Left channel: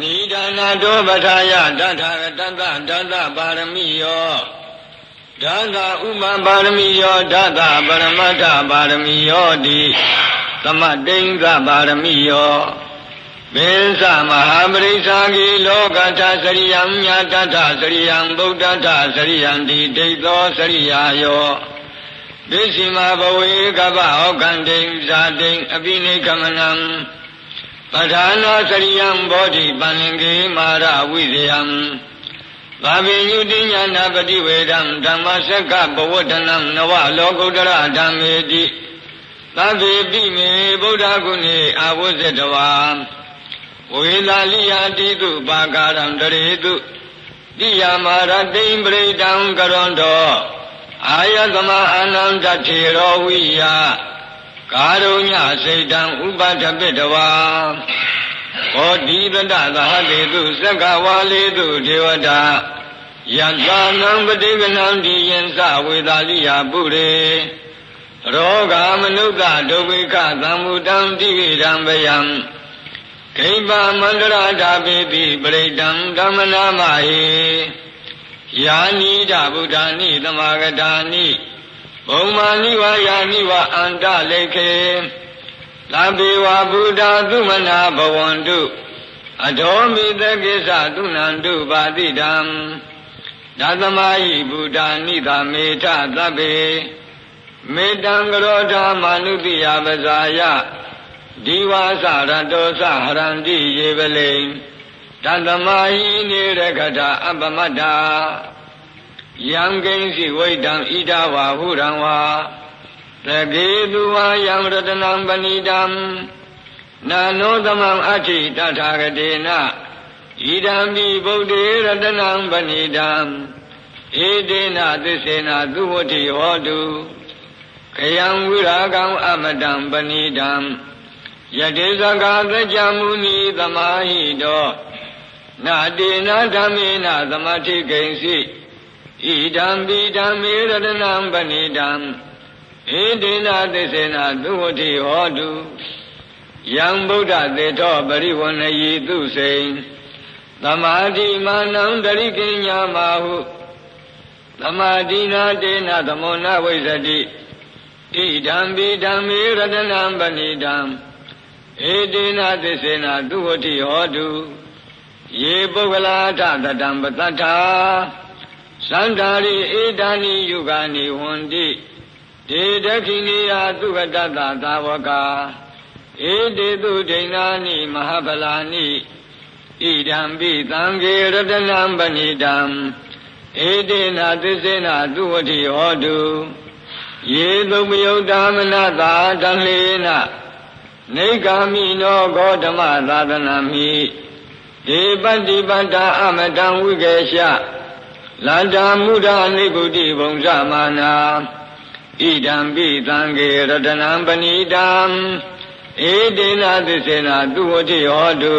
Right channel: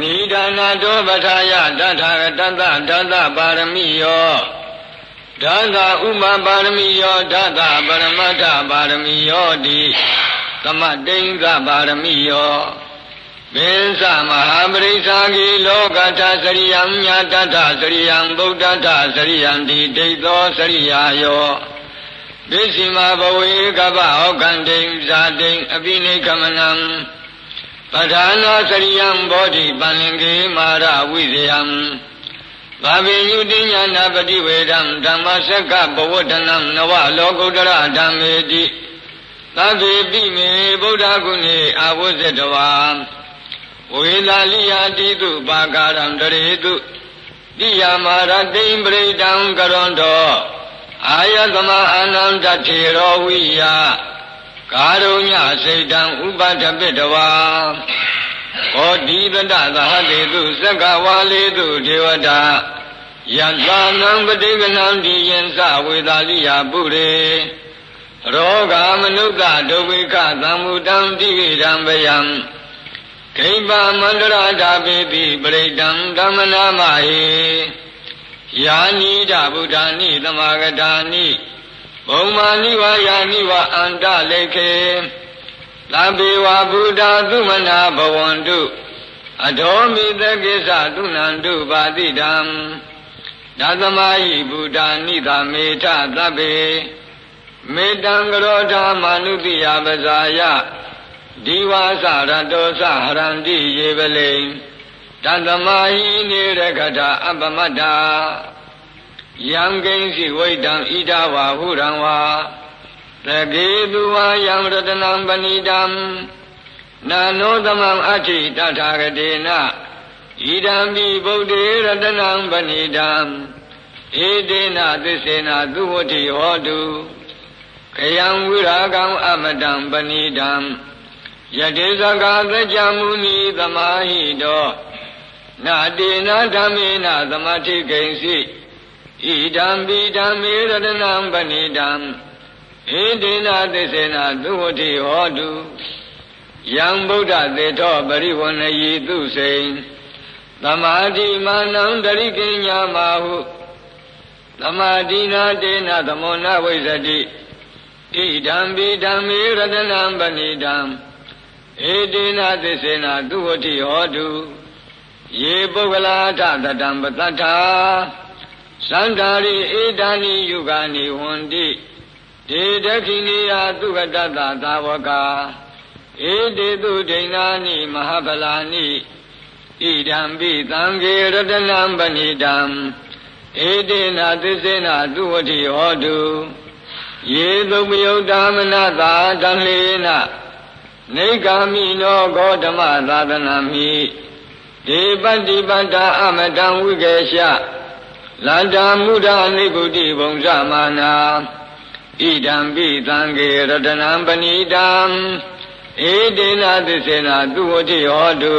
နိဒာနာတောပထာယတထာဂတတဓာတပါရမိယောဓာတဥပပါရမိယောဓာတပရမတ္ထပါရမိယောတိသမတိင်္ဂပါရမိယောမေသမဟာပရိစ္ဆာတိလောကထစရိယံညာတထစရိယံဗုဒ္ဓထစရိယံတိဒိဋ္ဌောစရိယာယောပိစီမဘဝေကပ္ပဟောကံတိံဇာတိံအပိနိကမနံပဋ္ဌာနာစရိယံဘောဓိပန္လင်္ကေမာရဝိဇယံဘာဝေယုတိညာနာပတိဝေဒံဓမ္မစက္ကဘဝတ္တနံနဝလောကုတ္တရဓမ္မေတိသဗ္ဗေပိမေဗုဒ္ဓဂုဏေအာဝဇ္ဇတဝါဝေလာလိယာတိတုပါကာရံတရေတုတိယမာရတိံပရိဒံကရွန်တောအာယသမအာနန္တထေရောဝိယကာရုညစိတ်တံဥပဒပိတဝါဟောတိတတသဟတေတုသက္ကဝါလေတုဒေဝတာယတ္တနံပတိကနံဒီယံသဝေသာလိယာပုရေရောဂမနုဿဒုဝိကသံမုတံတိရံဗယံဒိဗ္ဗမန္တရတာပိပိပရိဒံဓမ္မနာမဟိယာနိဒဗုဒ္ဓာနိသမာဂတာနိဘုံမာနိဝါယာနိဝါအန္တလေခေသဗ္ဗေဝဗုဒ္ဓသုမနာဘဝန္တုအထောမိသပိစ္ဆသုနန္တုပါတိတံဓသမဟိဗုဒ္ဓာနိသမေထသဗ္ဗေမေတံကရောဓမာနုတိယပဇာယဒီဝါစရတောစဟရန္တိယေပလိဓသမဟိနေရခတာအပမတ္တာယံကိဉ္စီဝိတံဣဒဝါဟုရံဝါသကေတုဝါယံရတနံပဏိတံနာနောသမံအဋ္ဌိတထာဂတေနဣဒံပိဗုဒ္ဓေရတနံပဏိတံဧတေနသစ္စေနသုဝတိဟောတုခယံဝိရာဂံအမတံပဏိတံယတေဇဂာသัจจမုနိသမာဟိတောနာတေနဓမ္မေနသမထိကိဉ္စီဣဒံပိဓမ္မေရတနံပဏိတံဧတေနသစ္စေနသုဝတိဟောတုယံဗုဒ္ဓသေတောပရိဝဏယိသုစိံသမာဓိမာနံတရိကိညာမဟုသမာဓိနာတေနသမောနဝိဇ္ဇတိဣဒံပိဓမ္မေရတနံပဏိတံဧတေနသစ္စေနသုဝတိဟောတုယေပုဂ္ဂလာထတတံပတ္ထာသန္တာရိဧတံနိယုဂာနိဝန္တိဒေဒခိနိယသုဂတတသာဝကာဧတေတုဒိဏာနိမဟာဗလာနိဣဒံပိသံဃေရတနံပဏိတံဧတေနသစ္စေနသုဝတိဟောတုယေသုပယုတ်တမနတာတံလေနနေဂာမိနောဂေါတမသာသနာမိဒေပတ္တိပတ္တာအမတံဝိကေရှလန္တာမုဒ္ဒနိဂုတိဘုံဇမာနာဣဒံပိသံဃေရတနံပဏိတံဧတေနသစ္စေနသုဝတိဟောတု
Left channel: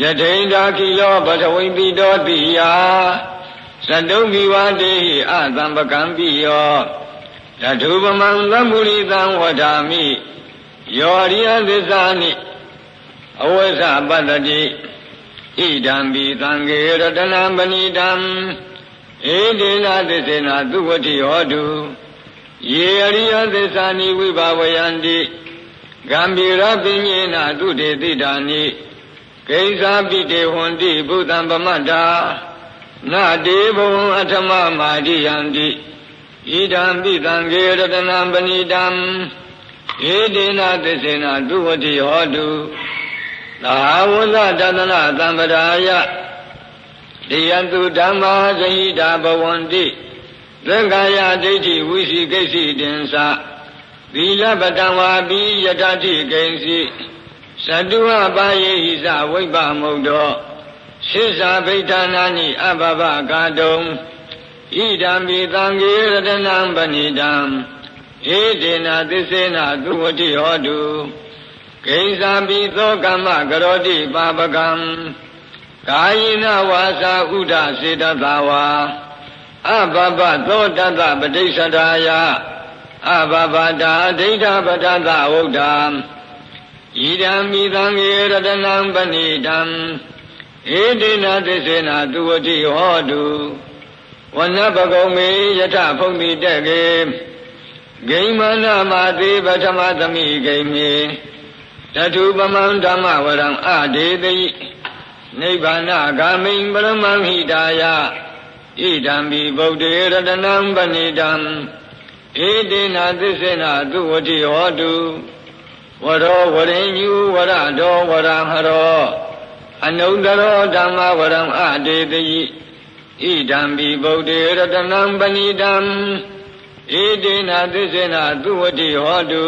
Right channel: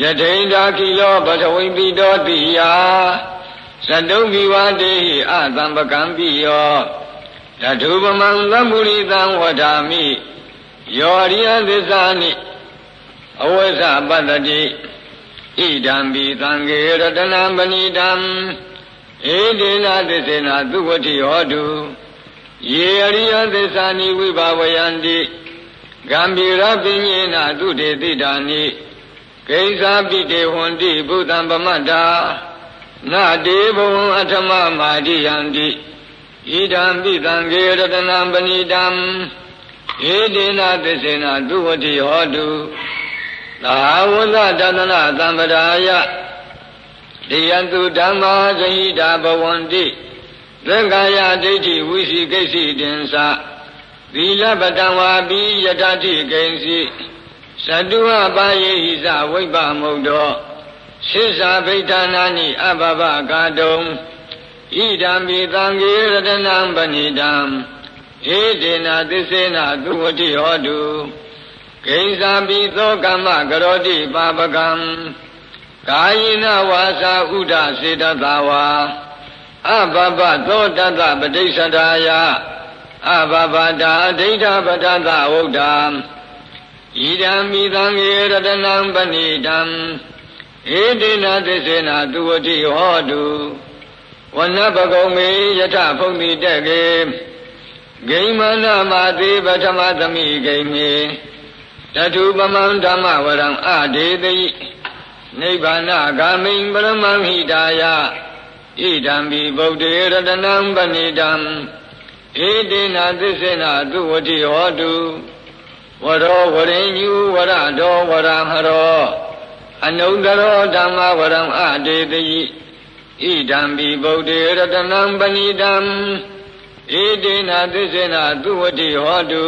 ယထိန္တာခိယောဘဂဝိတိတောတိယသတုဝိဝတေဟိအသံပကံပိယောတထုပမံသမ္မုရိတံဝဒာမိယောရိယသစ္စာနိအဝိဇ္ဇပတ္တိဣဒံပိသံဃေရတနံပဏိတံဧတေနသစ္စေနသုဝတိဟောတုယေအရိယသစ္စာနိဝိဘဝယန္တိဂံဗေရပညေနတုတေတိတာနိကိဉ္စာပိတေဟွန္တိဘုသံပမတ္တာနာတေဘဝံအထမမာတိယန္တိဣဒံပိသံဃေရတနံပဏိတံဧတေနသစ္စေနသုဝတိဟောတုသာဝဇတတနာသံပဒါယတိယတုဓမ္မာဇဟိတာဘဝန္တိသက္ကာယဒိဋ္ဌိဝိသိကိစ္စိတင်္စသီလပတံဝါပိယတတိကိဉ္စီသတုဝပါယေဟိသဝိပ္ပမုဒ္ဒောစိစ္ဆာဗိဋ္ဌာနာနိအဘဘကာတုံဣဒံပိသံဃေရတနံပဏိတံဧတေနသစ္စေနသုဝတိဟောတုကိဉ္စာပိသောကမ္မကရောတိပါပကံကာယေနဝါစာဥဒစေတသာဝါအဘဘသောတတပဋိစ္ဆဒာယအဘဘတာဒိဋ္ဌပတ္တသဝုဒ္ဓံဣဒံမိသံဃေရတနံပဏိတံ ဧတေနသစ္စေနသူဝတိဟောတုဝနပကုံမေယထဖုန်တိတက်ကေဂိမနမတိပထမသမိဂိမေတထုပမံဓမ္မဝရံအဒေတိနိဗ္ဗာနဂာမိံပရမံဟိတာယဣဒံဘိဗုဒ္ဓေရတနံပဏိတံဧတေနသစ္စေနသူဝတိဟောတုဝရောဝရိညုဝရတောဝရဟရောအနုတရောဓမ္မဝရံအဒေတိဣဒံဘိဗုဒ္ဓေရတနံပဏိတံဧတေနသစ္စေနသူဝတိဟောတု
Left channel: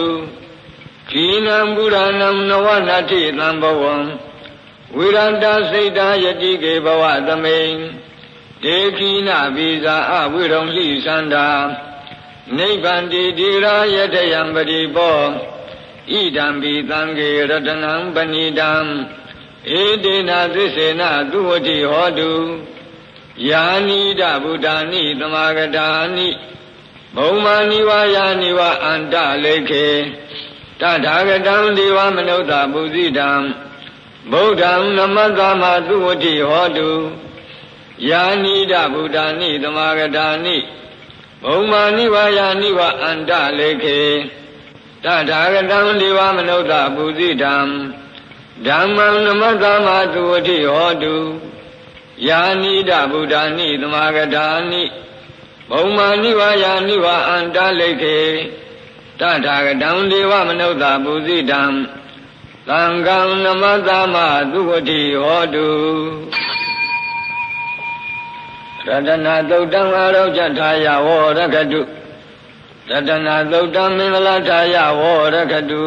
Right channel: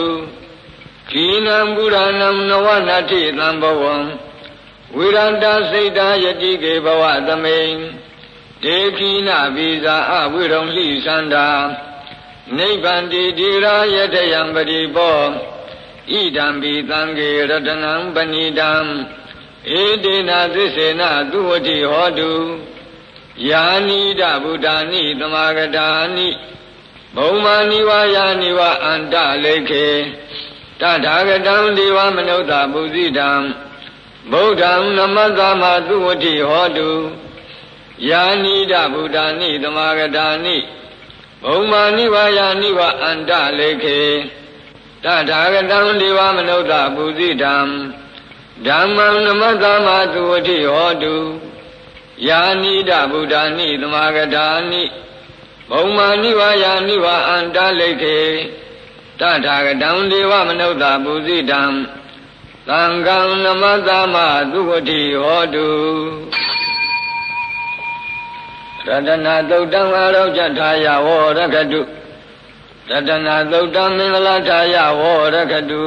ခိနံပုရဏံနဝနာတိသံဘဝံဝိရန္တစိတ်တာယတိကေဘဝသမိန်ဒေခိနဘိဇာအဝိရုံလိသန္တာနိဗ္ဗန္တိတိရာယတယံပရိပောဣဒံဘိသံဃေရတနံပဏိတံဧတေနသစ္စေနသူဝတိဟောတုယာနိဒဗုဒ္ဓာနိသမာဂတာနိဘုံမာနိဝါယာနိဝါအန္တလေခေတထာဂတံဒေဝမနုဿပုဇိတံဗုဒ္ဓံနမတ္တမသူဝတိဟောတုယာနိဒဗုဒ္ဓာနိသမာဂတာနိဘုံမာနိဝါယာနိဝါအန္တလေခေတထာဂတံဒေဝမနုဿပုဇိတံဓမ္မံနမတ္တမသူဝတိဟောတုယာနိဒဗုဒ္ဓာနိသမာဂတာနိဘုံမာနိဝါယာနိဝါအန္တလေခေတထာဂတံဒေဝမနုဿပုဇိတံသံဃံနမတ္တမသူဝတိဟောတုရတနာသုတ်တံအာရောကြထာယဝရကတုရတနာသုတ်တံမင်္ဂလာထာယဝရကတု